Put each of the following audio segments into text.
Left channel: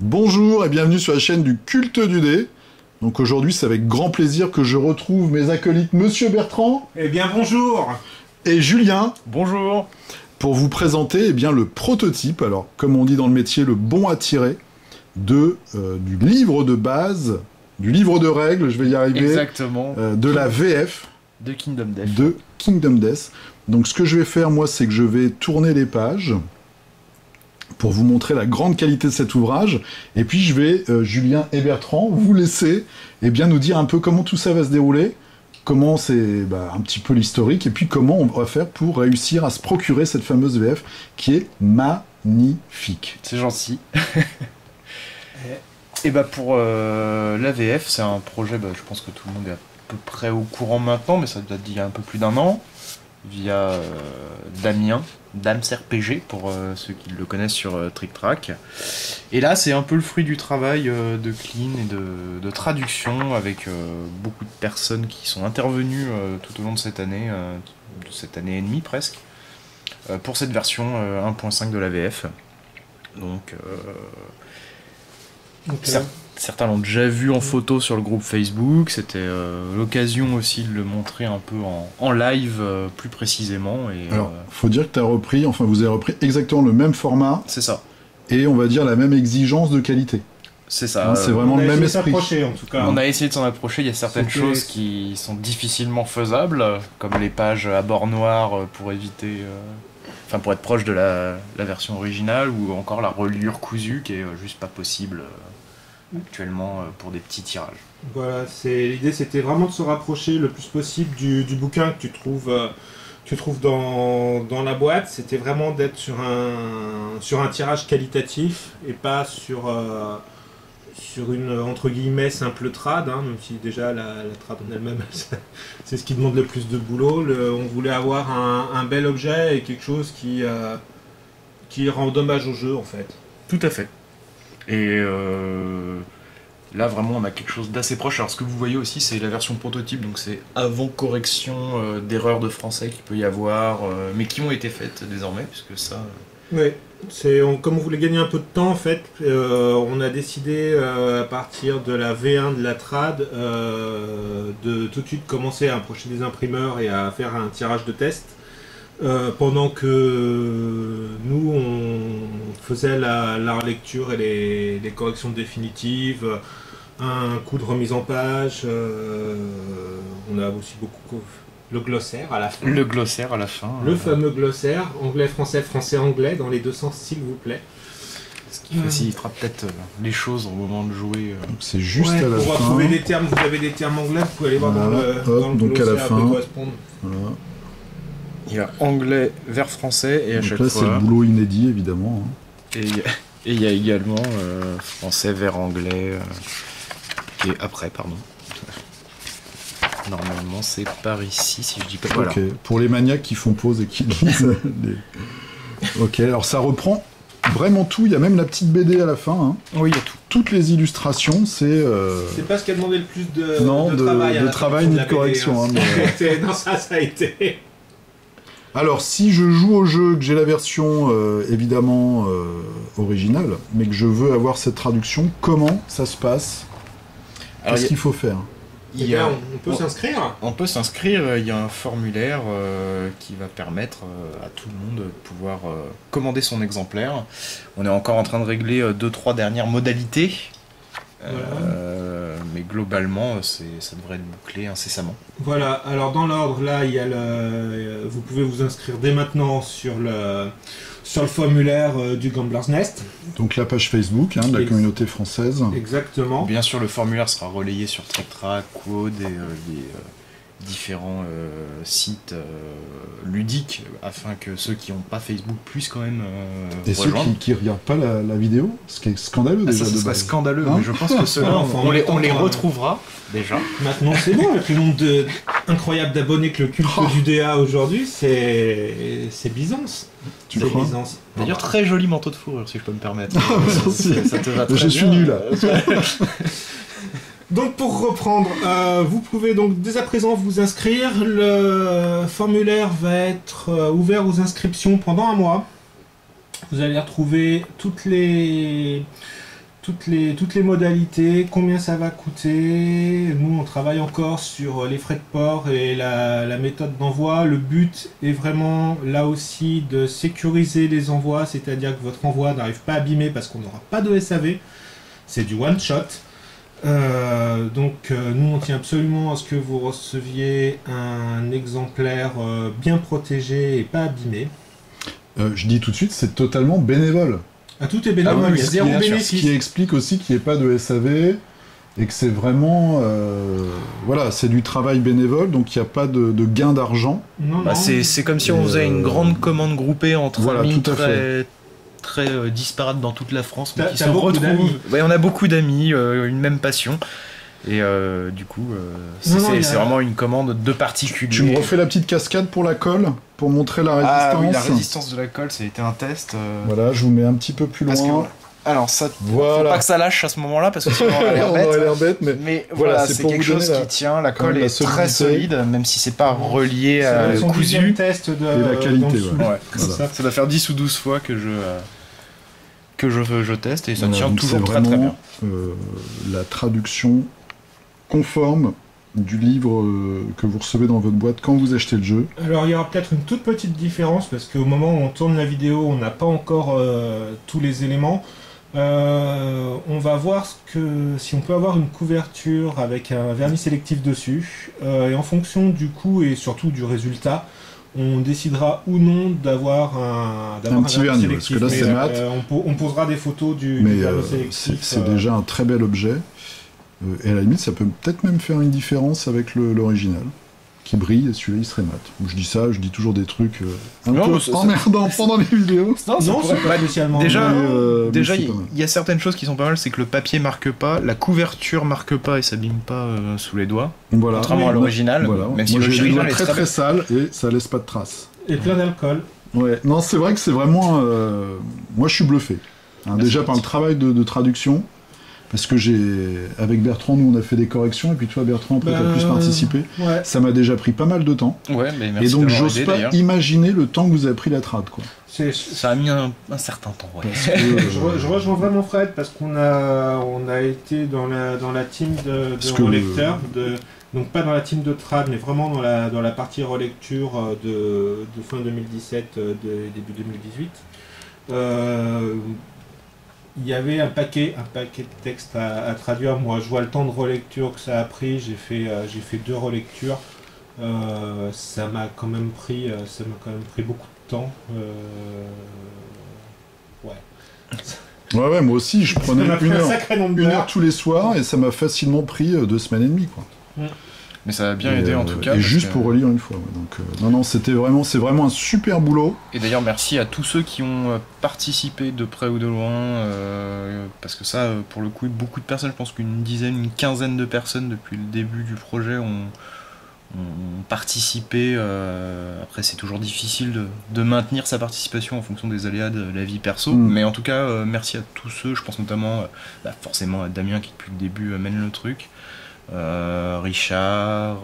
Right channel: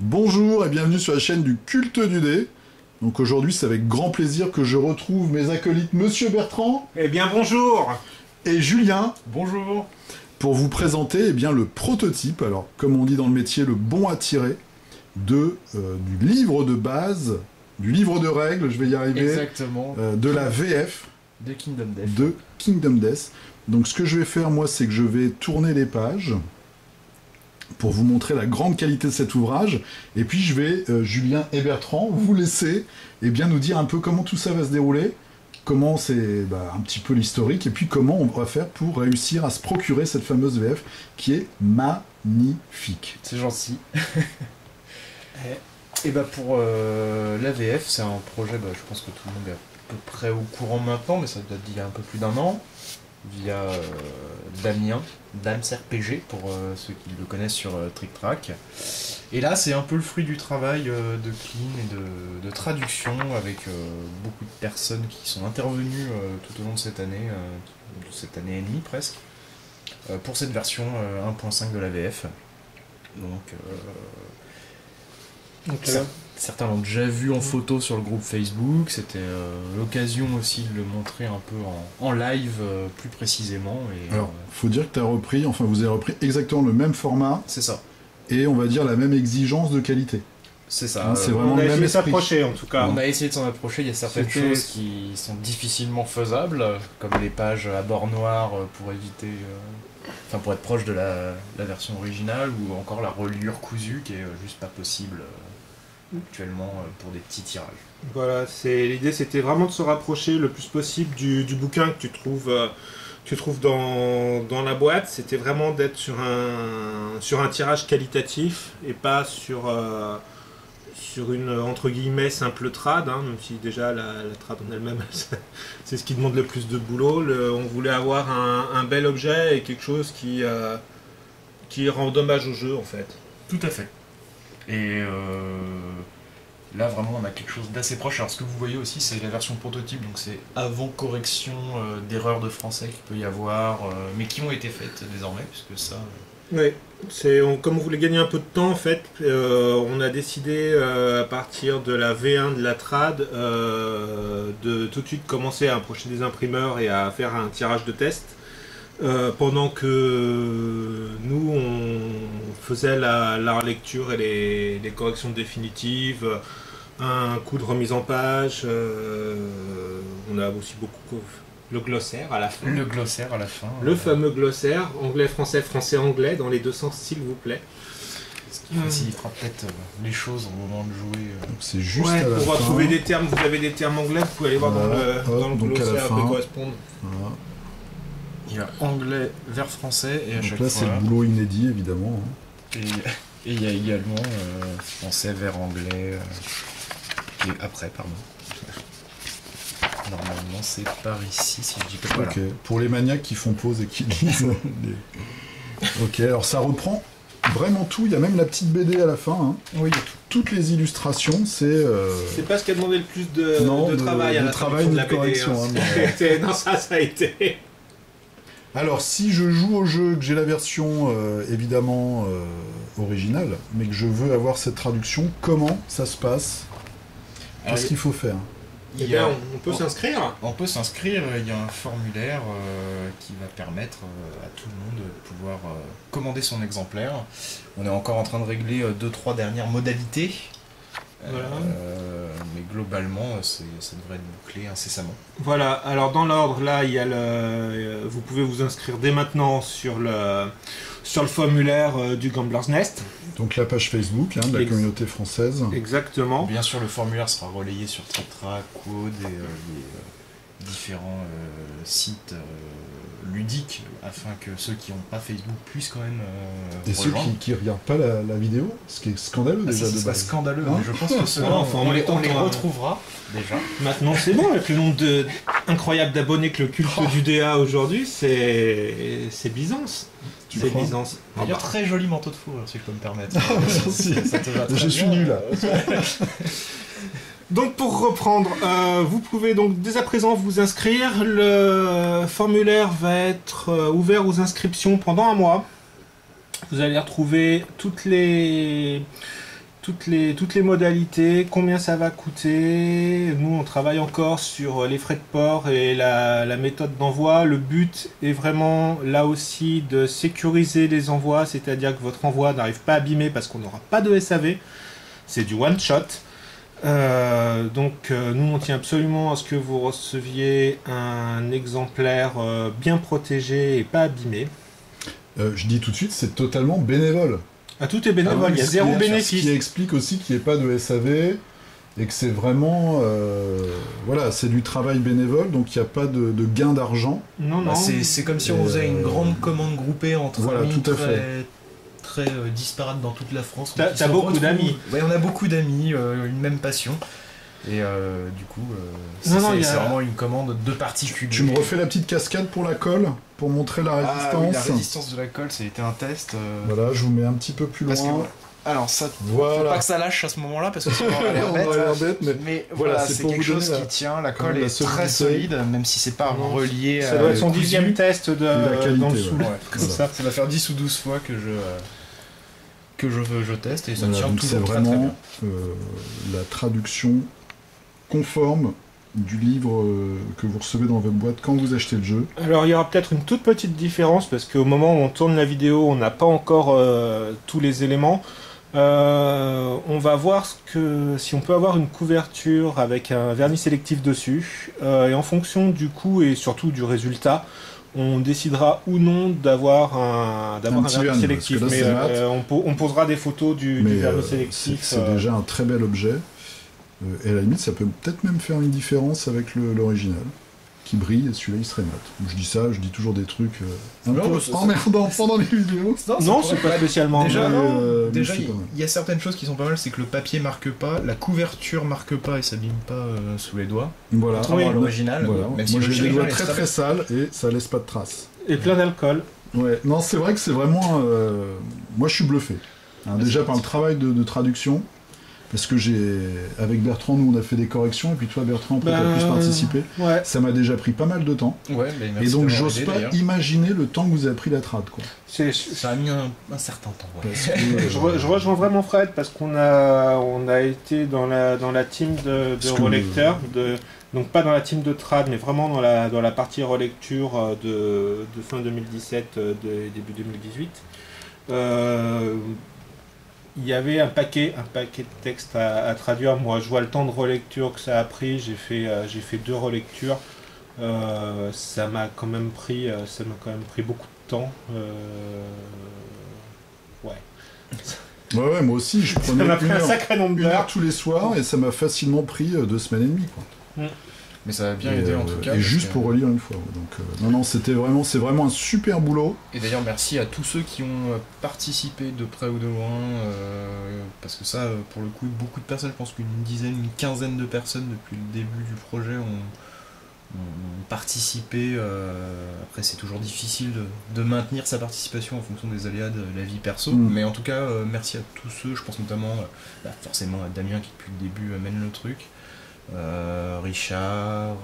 Bonjour et bienvenue sur la chaîne du Culte du Dé. Donc aujourd'hui, c'est avec grand plaisir que je retrouve mes acolytes Monsieur Bertrand. Eh bien bonjour. Et Julien. Bonjour. Pour vous présenter le prototype, alors comme on dit dans le métier, le bon à tirer du livre de base, du livre de règles, je vais y arriver. Exactement. De la VF. De Kingdom Death. De Kingdom Death. Donc ce que je vais faire moi, c'est que je vais tourner les pages pour vous montrer la grande qualité de cet ouvrage, et puis je vais, Julien et Bertrand, vous laisser nous dire un peu comment tout ça va se dérouler, comment c'est un petit peu l'historique, et puis comment on va faire pour réussir à se procurer cette fameuse VF qui est magnifique. C'est gentil. Et pour la VF, c'est un projet, je pense que tout le monde est à peu près au courant maintenant, mais ça date d'il y a un peu plus d'un an, via Damien, Dams RPG, pour ceux qui le connaissent sur Trick Track. Et là, c'est un peu le fruit du travail de clean et de traduction, avec beaucoup de personnes qui sont intervenues tout au long de cette année et demie presque, pour cette version 1.5 de la VF. Donc certains l'ont déjà vu en photo sur le groupe Facebook, c'était l'occasion aussi de le montrer un peu en live plus précisément. Et, alors, faut dire que vous avez repris exactement le même format. C'est ça. Et on va dire la même exigence de qualité. C'est ça. C'est vraiment le même esprit. On a essayé de s'approcher en tout cas. On a essayé de s'en approcher, il y a certaines choses qui sont difficilement faisables, comme les pages à bord noir pour éviter... pour être proche de la version originale, ou encore la reliure cousue qui est juste pas possible actuellement pour des petits tirages. Voilà, l'idée c'était vraiment de se rapprocher le plus possible du bouquin que tu trouves dans la boîte. C'était vraiment d'être sur un tirage qualitatif et pas sur une entre guillemets simple trad, même si déjà la trad en elle-même c'est ce qui demande le plus de boulot. On voulait avoir un bel objet et quelque chose qui rend hommage au jeu en fait. Tout à fait. Et là vraiment on a quelque chose d'assez proche. Alors ce que vous voyez aussi c'est la version prototype, donc c'est avant correction d'erreurs de français qu'il peut y avoir, mais qui ont été faites désormais, puisque ça... Oui, comme on voulait gagner un peu de temps en fait, on a décidé à partir de la V1 de la trad de tout de suite commencer à approcher des imprimeurs et à faire un tirage de test. Pendant que nous on faisait la relecture et les corrections définitives, un coup de remise en page, on a aussi beaucoup le glossaire à la fin. Le glossaire à la fin. Le fameux glossaire, anglais-français, français-anglais, dans les deux sens s'il vous plaît. Ce qui facilitera peut-être les choses au moment de jouer. C'est juste à la pour fin. retrouver des termes, vous avez des termes anglais, vous pouvez aller voir dans le glossaire à la fin. correspondre. Voilà. Il y a anglais vers français et à chaque fois... c'est le boulot inédit évidemment. Et il y a également français vers anglais et après, pardon. Normalement c'est par ici si je dis pas voilà. Ok, pour les maniaques qui font pause et qui lisent Ok, alors ça reprend vraiment tout, il y a même la petite BD à la fin. Oui, il y a tout. Toutes les illustrations, c'est... C'est pas ce qui a demandé le plus de travail à la travail ni de correction. Mais... non, ça a été... Alors, si je joue au jeu, que j'ai la version évidemment originale, mais que je veux avoir cette traduction, comment ça se passe? Qu'est-ce qu'il faut faire? On peut s'inscrire. On peut s'inscrire, il y a un formulaire qui va permettre à tout le monde de pouvoir commander son exemplaire. On est encore en train de régler 2-3 dernières modalités. Mais globalement, ça devrait être bouclé incessamment. Voilà, alors dans l'ordre, là, il y a vous pouvez vous inscrire dès maintenant sur le formulaire du Gambler's Nest. Donc la page Facebook de la communauté française. Exactement. Bien sûr, le formulaire sera relayé sur Trick Track, Quod et les différents sites ludiques, afin que ceux qui n'ont pas Facebook puissent quand même et rejoindre. Ceux qui ne regardent pas la vidéo, ce qui est scandaleux déjà. Ça serait scandaleux, mais je pense que ceux-là, on les retrouvera déjà. Maintenant c'est bon, avec le nombre incroyable d'abonnés que le culte du DA aujourd'hui, c'est Byzance. Tu crois? Byzance. D'ailleurs, très joli manteau de fourrure, si je peux me permettre. Ça te va très bien. Je suis nul là. Donc pour reprendre, vous pouvez donc dès à présent vous inscrire. Le formulaire va être ouvert aux inscriptions pendant un mois. Vous allez retrouver toutes les toutes les modalités, combien ça va coûter. Nous, on travaille encore sur les frais de port et la méthode d'envoi. Le but est vraiment, là aussi, de sécuriser les envois, c'est-à-dire que votre envoi n'arrive pas abîmé parce qu'on n'aura pas de SAV. C'est du one-shot. Donc, nous, on tient absolument à ce que vous receviez un exemplaire bien protégé et pas abîmé. Je dis tout de suite, c'est totalement bénévole. Ah, tout est bénévole, il y a zéro bénéfice. Ce qui explique aussi qu'il n'y ait pas de SAV et que c'est vraiment... voilà, c'est du travail bénévole, donc il n'y a pas de gain d'argent. Non, Bah, non. c'est comme si on faisait une grande commande groupée entre Voilà, amis tout à fait. très disparates dans toute la France. T'as beaucoup d'amis. Ouais, on a beaucoup d'amis, une même passion. Et du coup, Non, non, c'est vraiment une commande de particulier. Tu me refais la petite cascade pour la colle, pour montrer la résistance. Ah oui, la résistance de la colle, ça a été un test. Voilà, je vous mets un petit peu plus Parce que, loin. alors ça, Voilà. faut pas que ça lâche à ce moment-là, parce que sinon on a l'air On bête. aurait l'air bête, Mais voilà, voilà, c'est c'est pour quelque vous donner chose qui tient, la colle est très solide, même si c'est pas relié Ça doit à être son cousu. 10e test de la qualité, dans le sous. ouais. Ouais, Voilà. ça doit faire 10 ou 12 fois que je teste, et ça Voilà, tient donc toujours c'est très très vraiment, bien. La traduction conforme du livre que vous recevez dans votre boîte quand vous achetez le jeu. Alors il y aura peut-être une toute petite différence parce qu'au moment où on tourne la vidéo, on n'a pas encore tous les éléments. On va voir si on peut avoir une couverture avec un vernis sélectif dessus. Et en fonction du coût et surtout du résultat, on décidera ou non d'avoir un petit vernis vernis, sélectif. parce que là, Mais c'est mat. on posera des photos du Mais vernis sélectif. c'est déjà un très bel objet. Et à la limite, ça peut peut-être même faire une différence avec l'original, qui brille, et celui-là, il serait mat. Je dis ça, je dis toujours des trucs un Non, peu emmerdants pendant les vidéos. Non, c'est pas spécialement. Déjà, mais déjà c'est il pas mal. y a certaines choses qui sont pas mal, c'est que le papier marque pas, la couverture marque pas et s'abîme pas sous les doigts, Voilà. contrairement à l'original, Voilà. même si Moi, j'ai les l'original doigts est très très sales et ça laisse pas de traces. Et plein d'alcool. Ouais. Non, c'est vrai que c'est vraiment... Moi, je suis bluffé. Déjà par le travail de traduction, parce que avec Bertrand, nous, on a fait des corrections, et puis toi, Bertrand, après, t'as plus participé. Ouais. Ça m'a déjà pris pas mal de temps. Ouais, mais merci Et donc, d'avoir j'ose aidé, pas d'ailleurs. imaginer le temps que vous avez pris la trad, quoi. Ça a mis un certain temps, ouais. Parce que, Je rejoins vraiment Fred parce qu'on a été dans la team de Parce que- relecteurs, donc pas dans la team de trad, mais vraiment dans la partie relecture de fin 2017, début 2018. Il y avait un paquet de textes à traduire. Moi, je vois le temps de relecture que ça a pris. J'ai fait 2 relectures. Ça m'a quand même pris beaucoup de temps. Ouais. Ouais, moi aussi, je Ça prenais m'a pris un sacré nombre une heure d'heures. tous les soirs, et ça m'a facilement pris 2 semaines et demie, quoi. Mais ça a bien aidé en tout cas. Et parce juste que- pour relire une fois. Ouais. Donc, non, c'est vraiment un super boulot. Et d'ailleurs, merci à tous ceux qui ont participé de près ou de loin, parce que ça, pour le coup, beaucoup de personnes, je pense qu'une dizaine, une quinzaine de personnes depuis le début du projet ont participé. Après, c'est toujours difficile de maintenir sa participation en fonction des aléas de la vie perso, mais en tout cas, merci à tous ceux, je pense notamment forcément à Damien qui depuis le début mène le truc. Richard,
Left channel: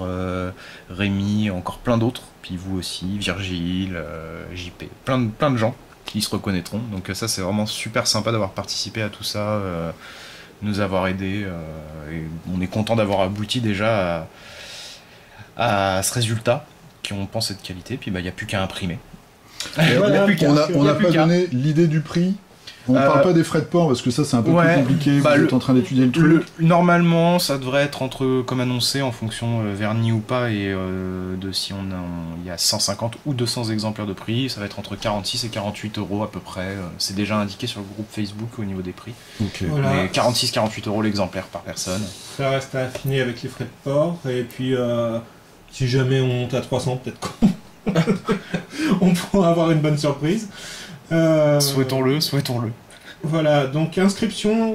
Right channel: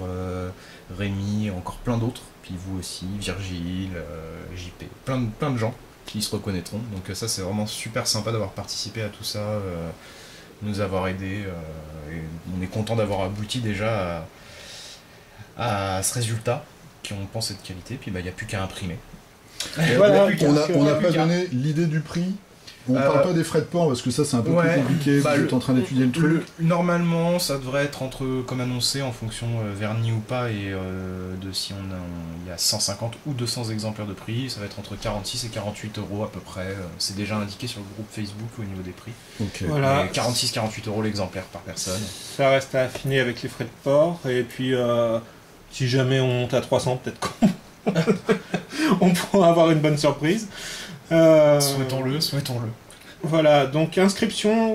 Rémi, encore plein d'autres, puis vous aussi, Virgile, JP, plein de gens qui se reconnaîtront. Donc ça c'est vraiment super sympa d'avoir participé à tout ça, nous avoir aidés, et on est content d'avoir abouti déjà à ce résultat qui on pense être qualité, puis il n'y a plus qu'à imprimer. Voilà, On n'a pas donné l'idée du prix. On parle pas des frais de port parce que ça c'est un peu plus compliqué. Vous êtes en train d'étudier le truc. Normalement, ça devrait être comme annoncé en fonction vernis ou pas et de si il y a 150 ou 200 exemplaires de prix. Ça va être entre 46 et 48 euros à peu près. C'est déjà indiqué sur le groupe Facebook au niveau des prix. Ok. Voilà. 46-48 euros l'exemplaire par personne. Ça reste à affiner avec les frais de port. Et puis, si jamais on monte à 300, peut-être qu'on on pourra avoir une bonne surprise. Souhaitons-le. Voilà, donc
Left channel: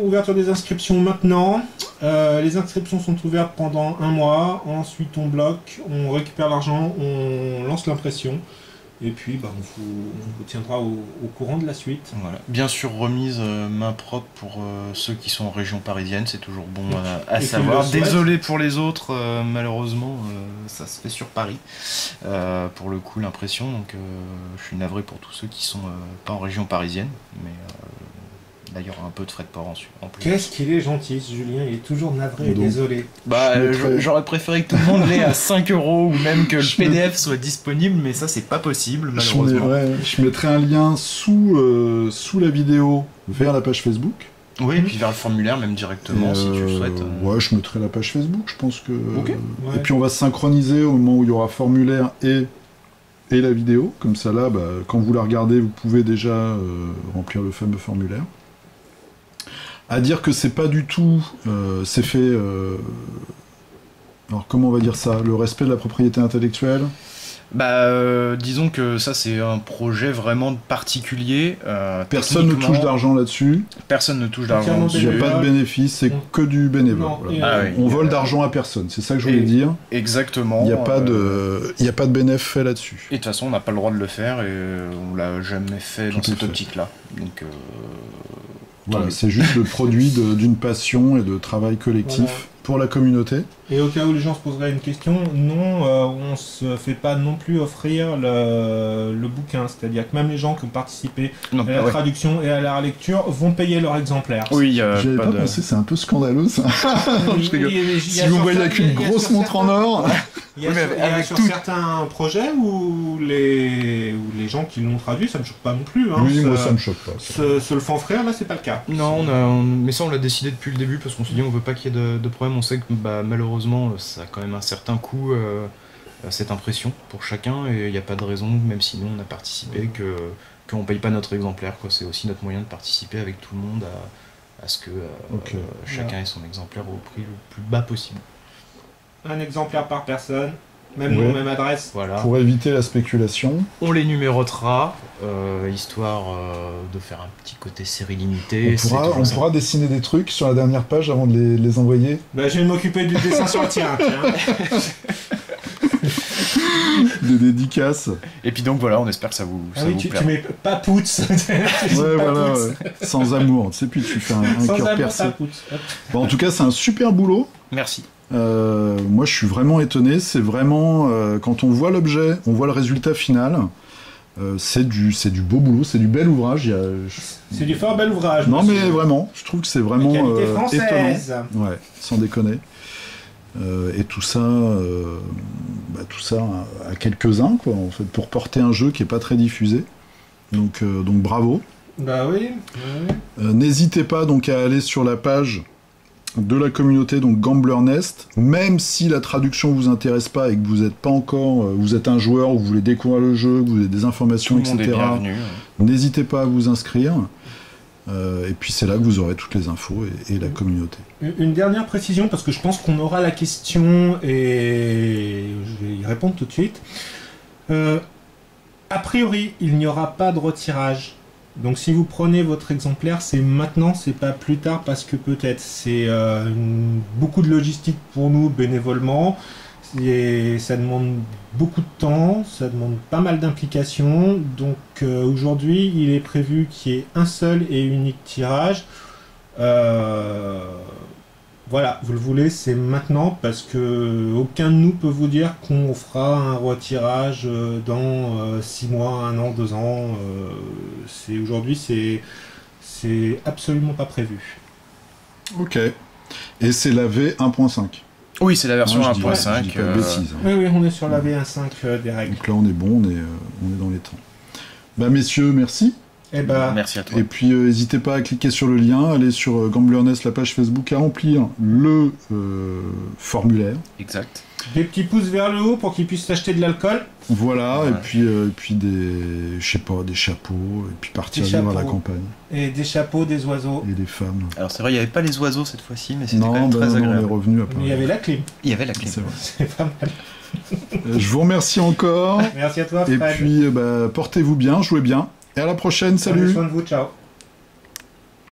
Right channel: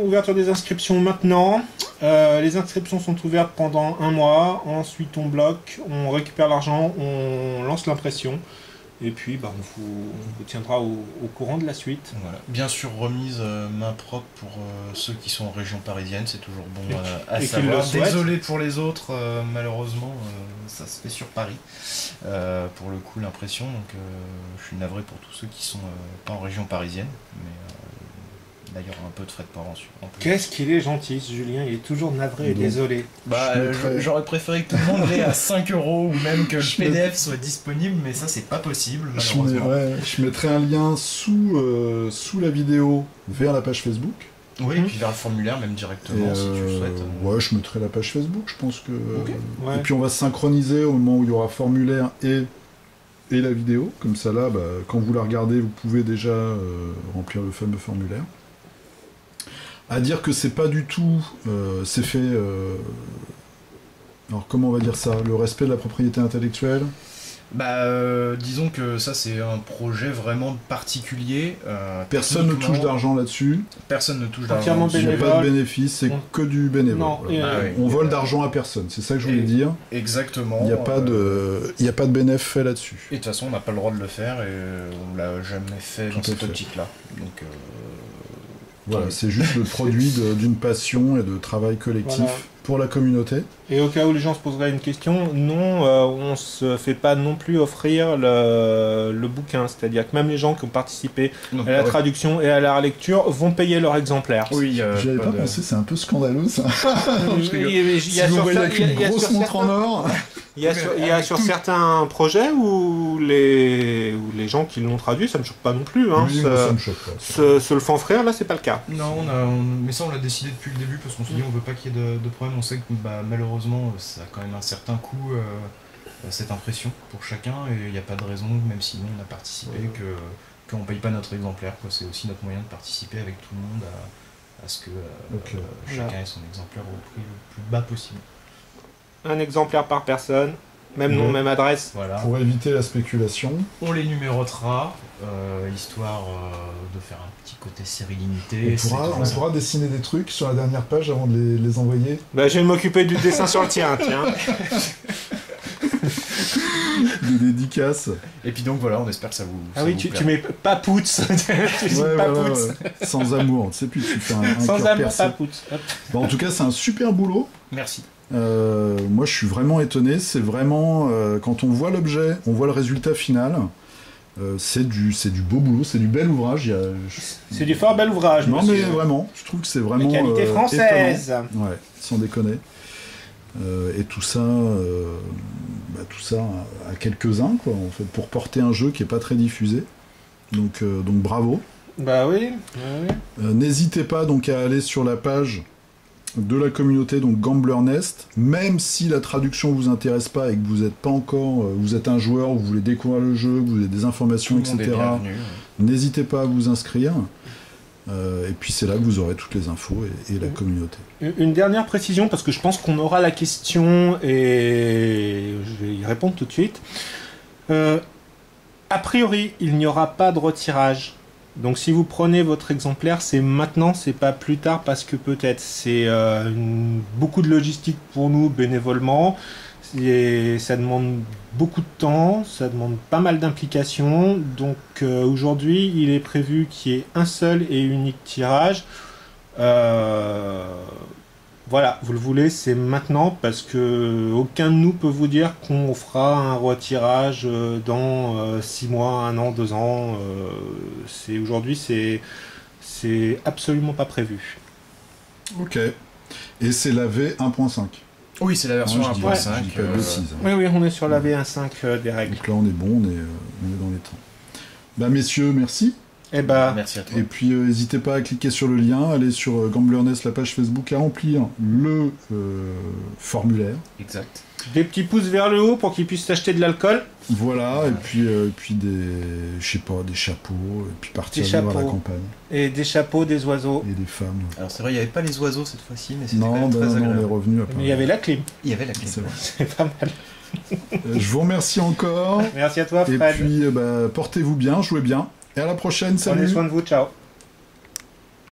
ouverture des inscriptions maintenant. Les inscriptions sont ouvertes pendant 1 mois. Ensuite, on bloque, on récupère l'argent, on lance l'impression. Et puis, on vous tiendra au courant de la suite. Voilà. Bien sûr, remise main propre pour ceux qui sont en région parisienne, c'est toujours bon à et qu'ils savoir. le souhaitent. Désolé pour les autres, malheureusement, ça se fait sur Paris. Pour le coup, l'impression, donc je suis navré pour tous ceux qui sont pas en région parisienne, mais D'ailleurs, un peu de frais de port en plus. Qu'est-ce qu'il est gentil, ce Julien, il est toujours navré et Donc, désolé. Bah, Je mettrais- j'aurais préféré que tout le monde l'ait à 5 euros ou même que le Je PDF soit disponible, mais ça, c'est pas possible, Je malheureusement. je mettrai un lien sous la vidéo vers la page Facebook. Oui, et puis vers le formulaire, même directement, Et, si tu le souhaites. Ouais, je mettrai la page Facebook, je pense que... Ok. Ouais. Et puis on va se synchroniser au moment où il y aura formulaire et la vidéo. Comme ça, là, bah, quand vous la regardez, vous pouvez déjà remplir le fameux formulaire. À dire que c'est pas du tout... c'est fait... alors comment on va dire ça? Le respect de la propriété intellectuelle? Bah, disons que ça, c'est un projet vraiment particulier. Personne ne touche techniquement, d'argent là-dessus. Personne ne touche d'argent. Entièrement dessus. Il n'y a pas de Bénévole. bénéfice, c'est On- que du bénévole. Non, Voilà. Ah oui. On vole d'argent à personne, c'est ça que je voulais Et- dire. Exactement. Il n'y a pas de bénéfice fait là-dessus. Et de toute façon, on n'a pas le droit de le faire et on l'a jamais fait Tout dans à cette fait. optique-là. Donc, Voilà, c'est juste le produit d'une passion et de travail collectif Voilà. pour la communauté. Et au cas où les gens se poseraient une question, non, on se fait pas non plus offrir le bouquin. C'est-à-dire que même les gens qui ont participé donc, à la ouais. traduction et à la relecture vont payer leur exemplaire. Oui, J'y avais pas pensé, c'est un peu scandaleux ça. Je rigole. Si vous voyez avec une grosse montre en or, Il y a Oui, sur, mais il y a avec sur tout- certains projets où les gens qui l'ont traduit, ça me choque pas non plus. Hein, oui, moi, ça me choque pas. se le font offrir, là, c'est pas le cas. Non, mais ça on l'a décidé depuis le début parce qu'on s'est dit on veut pas qu'il y ait de problème. On sait que bah, malheureusement ça a quand même un certain coût cette impression pour chacun et il n'y a pas de raison, même si nous on a participé, qu'on paye pas notre exemplaire. Quoi. C'est aussi notre moyen de participer avec tout le monde à ce que Ok. chacun ait son exemplaire au prix le plus bas possible. Un exemplaire par personne, même nom, Ouais. même adresse. Voilà. Pour éviter la spéculation. On les numérotera, histoire de faire un petit côté série limitée. On C'est pourra, toujours on ça. pourra dessiner des trucs sur la dernière page avant de les envoyer. Bah, je vais m'occuper du dessin sur le tien, tiens. Des dédicaces. Et puis donc voilà, on espère que ça vous. Ah ça oui, vous tu plaira. mets Papouts. Tu dis Ouais, voilà, Papouts. ouais. Sans amour, tu sais, puis tu fais un Sans cœur amour, percé. Papouts. Hop. Bon, en tout cas, c'est un super boulot. Merci. Moi, je suis vraiment étonné. C'est vraiment quand on voit l'objet, on voit le résultat final. C'est du beau boulot, c'est du bel ouvrage. C'est du fort bel ouvrage, Non, monsieur. mais vraiment, je trouve que c'est vraiment De qualité française. étonnant. Ouais, sans déconner. Et tout ça, tout ça à quelques-uns, quoi, en fait, pour porter un jeu qui est pas très diffusé. Donc bravo. Bah oui. N'hésitez pas donc à aller sur la page de la communauté, donc Gambler Nest, même si la traduction vous intéresse pas et que vous êtes pas encore, vous êtes un joueur, ou vous voulez découvrir le jeu, vous avez des informations, Tout le monde est etc. bienvenu. N'hésitez pas à vous inscrire. Et puis c'est là que vous aurez toutes les infos et la communauté. Une dernière précision, parce que je pense qu'on aura la question et je vais y répondre tout de suite. A priori, il n'y aura pas de retirage. Donc si vous prenez votre exemplaire, c'est maintenant, c'est pas plus tard, parce que peut-être c'est beaucoup de logistique pour nous bénévolement. Et ça demande beaucoup de temps, ça demande pas mal d'implications. Donc aujourd'hui, il est prévu qu'il y ait un seul et unique tirage. Voilà, vous le voulez, c'est maintenant, parce que aucun de nous peut vous dire qu'on fera un retirage dans 6 mois, 1 an, 2 ans. Aujourd'hui, c'est absolument pas prévu. Ok. Et c'est la V1.5. Oui, c'est la version Non, je dis pas 1.5. de bêtises, hein. Oui, oui, on est sur la V1.5 des règles. Donc là, on est bon, on est dans les temps. Bah, messieurs, merci. Eh ben, Merci à toi. Et puis, n'hésitez pas à cliquer sur le lien, aller sur Gambler Nest, la page Facebook, à remplir le formulaire. Exact. des petits pouces vers le haut pour qu'ils puissent s'acheter de l'alcool. Voilà, Ouais. et puis des, je sais pas, des chapeaux, et puis partir Des vivre à la chapeaux. campagne. Et des chapeaux, des oiseaux. Et des femmes. Alors c'est vrai, il n'y avait pas les oiseaux cette fois-ci, mais c'était quand Non, même très on est agréable. revenu à Mais il y avait la clim. Il y avait la clé. C'est vrai. C'est pas mal. Je vous remercie encore. Merci à toi, Et Fred. puis, portez-vous bien, jouez bien. Et à la prochaine, Prenez salut. soin de vous, ciao.